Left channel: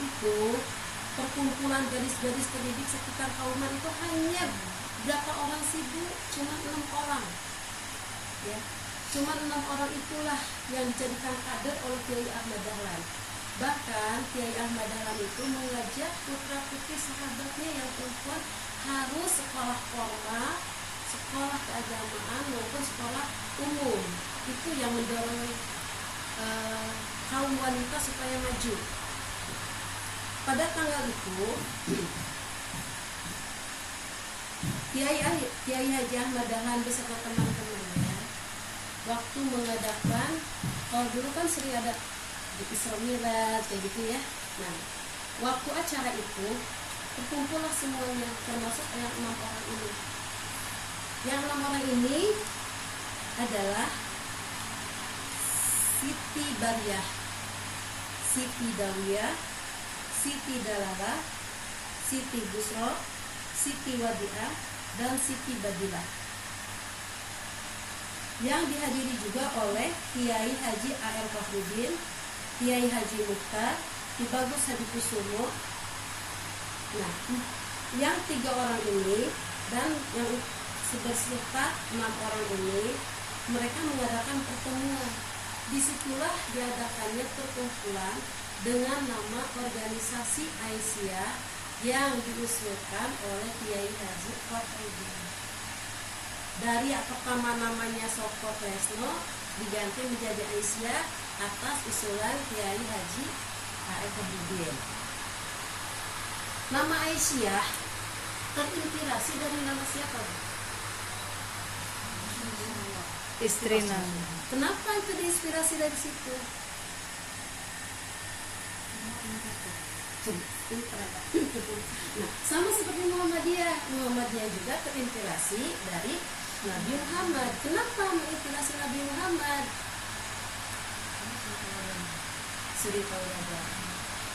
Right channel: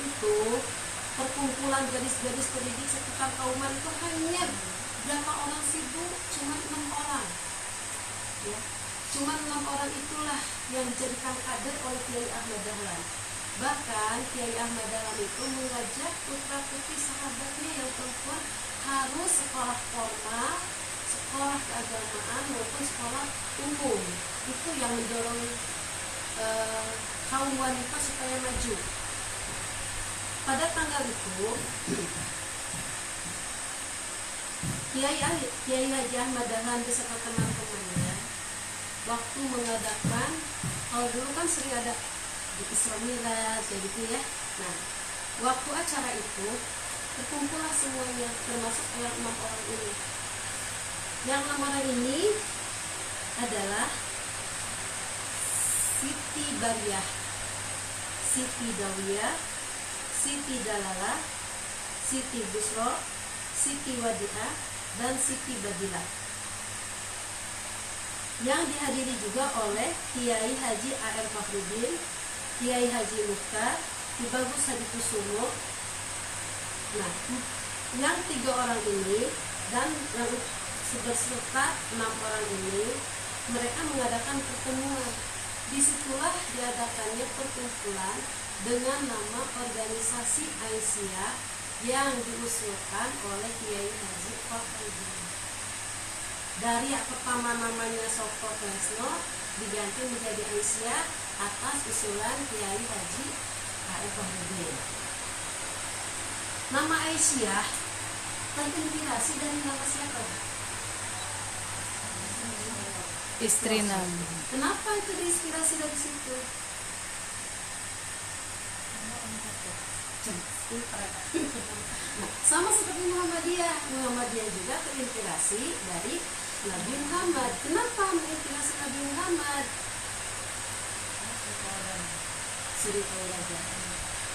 itu perkumpulan gadis-gadis pendidik sekitar Kauman itu hanya berapa orang sih Bu? Cuma 6 orang ya. Cuma 6 orang itulah yang dijadikan kader oleh Kiai Ahmad Dahlan. Bahkan Kiai Ahmad Dahlan itu mengajak putra-putri sahabatnya yang perempuan harus sekolah formal, sekolah keagamaan maupun sekolah umum. Itu yang mendorong kaum wanita supaya maju. Pada tanggal itu Kiai Haji Ahmad Dahlan beserta teman-temannya waktu mengadakan, kalau dulu kan sering ada di Isra Miraj kayak gitu ya. Nah, waktu acara itu berkumpullah semuanya, termasuk yang 6 orang ini. Yang 6 orang ini adalah Siti Bariyah, Siti Dawiyah, Siti Dalala, Siti Busro, Siti Wadiah, dan Siti Badilah. Yang dihadiri juga oleh Kiai Haji A.R. Fakhrudin, Kiai Haji Mukhtar, Ki Bagus Hadi Kusumo. Nah, yang 3 orang ini dan yang beserta 6 orang ini, mereka mengadakan pertemuan. Disitulah diadakannya perkumpulan dengan nama organisasi Aisyah yang diusulkan oleh Kiai Haji Fakhrudin. Dari pertama namanya Soko Tresno diganti menjadi Aisyah atas usulan Kiai Haji A.R. Fakhrudin. Nama Aisyah terinspirasi dari nama siapa? Istri Nabi. Kenapa itu diinspirasi dari situ? Nah, sama seperti Muhammadiyah juga terinspirasi dari Nabi Muhammad. Kenapa menginspirasi Nabi Muhammad? Suri Tauladan.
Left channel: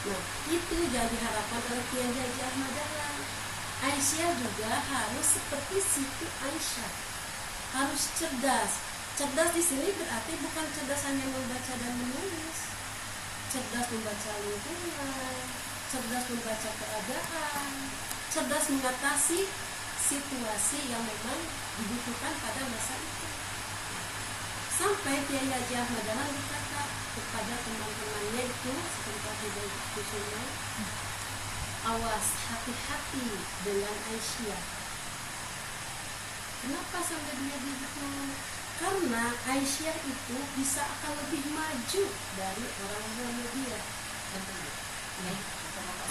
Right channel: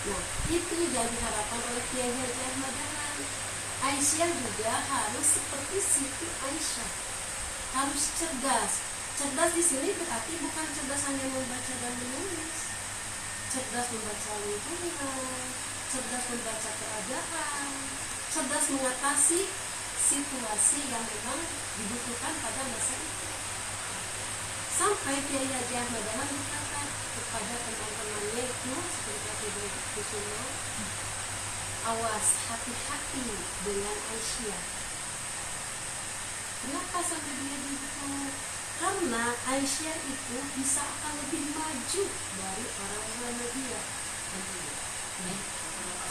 Nah, itu yang diharapkan oleh Kiai Haji Ahmad Dahlan. Aisyah juga harus seperti Siti Aisyah, harus cerdas. Cerdas di sini berarti bukan cerdas hanya membaca dan menulis, cerdas membaca lingkungan, cerdas membaca keadaan, cerdas mengatasi situasi yang memang dibutuhkan pada masa itu. Sampai Kiai Haji Ahmad Dahlan berkata kepada teman-temannya itu seperti Kusumo, awas, hati-hati dengan Aisyah. Kenapa sampai dia begitu? Karena Aisyah itu bisa akan lebih maju dari orang-orang media.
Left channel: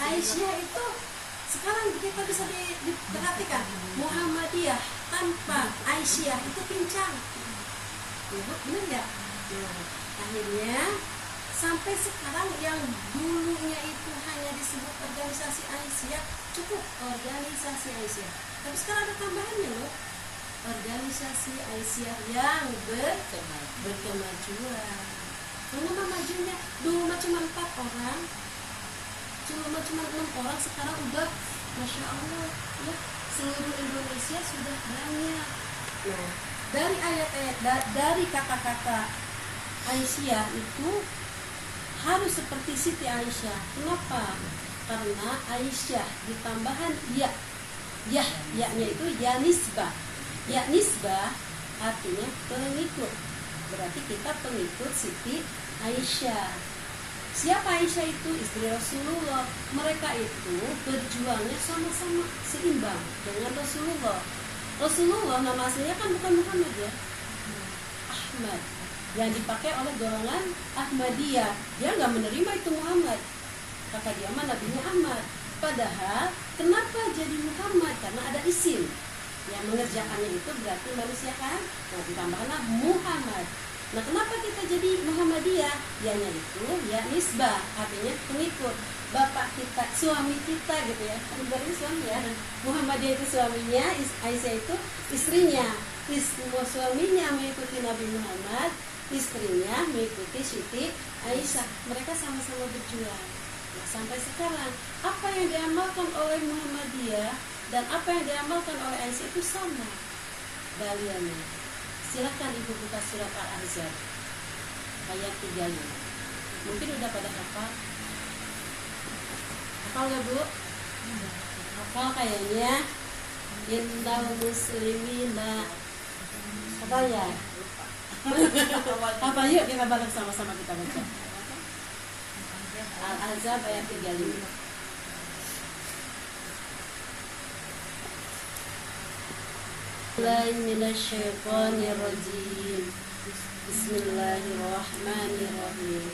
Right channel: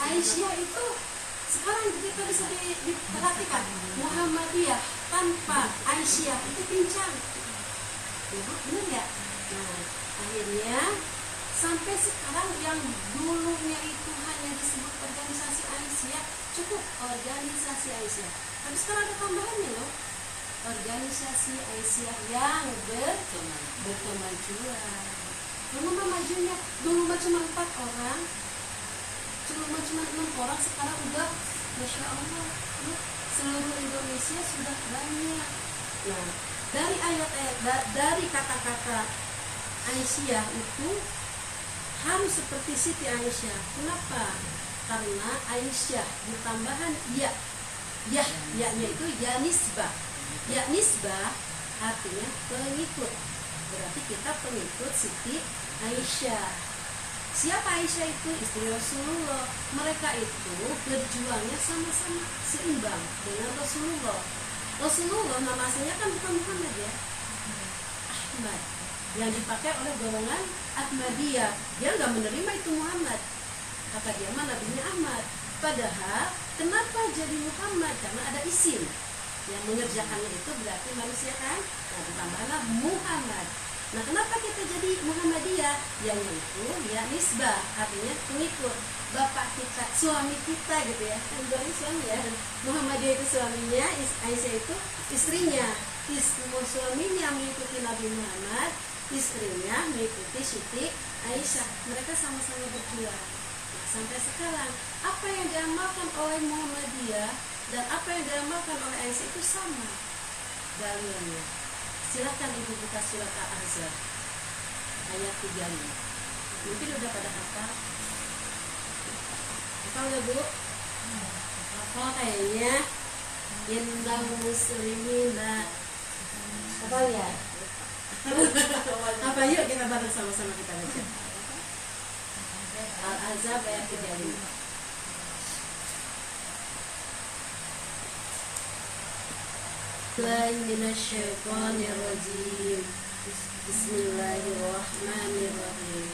Aisyah itu sekarang kita bisa diperhatikan, Muhammadiyah tanpa Aisyah itu pincang. Benar ya? Nah, akhirnya sampai sekarang yang dulunya itu hanya disebut organisasi Aisyah, cukup organisasi Aisyah. Tapi sekarang ada tambahannya loh, organisasi Aisyah yang berkemajuan. Kenapa majunya? Dulu cuma 4 orang, cuma 6 orang, sekarang udah Masya Allah, loh, seluruh Indonesia sudah banyak. Nah, dari dari kata-kata Aisyah itu harus seperti Siti Aisyah. Kenapa? Karena Aisyah ditambahan ya-nya itu ya nisbah. Ya nisbah artinya pengikut. Berarti kita pengikut Siti Aisyah. Siapa Aisyah itu? Istri Rasulullah. Mereka itu berjuangnya sama-sama seimbang dengan Rasulullah. Rasulullah nama aslinya kan bukan Muhammad ya, Ahmad, yang dipakai oleh golongan Ahmadiyah. Dia nggak menerima itu Muhammad, maka dia mah nabinya Ahmad. Padahal kenapa jadi Muhammad? Karena ada isim yang mengerjakannya itu berarti manusia kan. Nah, ditambahkanlah Muhammad. Nah, kenapa kita jadi Muhammadiyah? Yang itu ya nisbah, artinya pengikut. Bapak kita, suami kita gitu ya, kan berarti suami ya. Muhammadiyah itu suaminya, Aisyah itu istrinya. Suaminya mengikuti Nabi Muhammad, istrinya mengikuti Siti Aisyah. Mereka sama-sama berjuang. Nah, sampai sekarang apa yang diamalkan oleh Muhammadiyah dan apa yang diamalkan oleh Aisyah itu sama baliannya. Silakan ibu buka surat Al-Ahzab ayat 35. Mungkin udah pada hafal. Hafal gak Bu? Hafal kayaknya. Indal muslimin la. Hafal ya? Apa yuk kita bareng sama-sama kita baca. Al-Ahzab ayat 35. Bismillahirrahmanirrahim.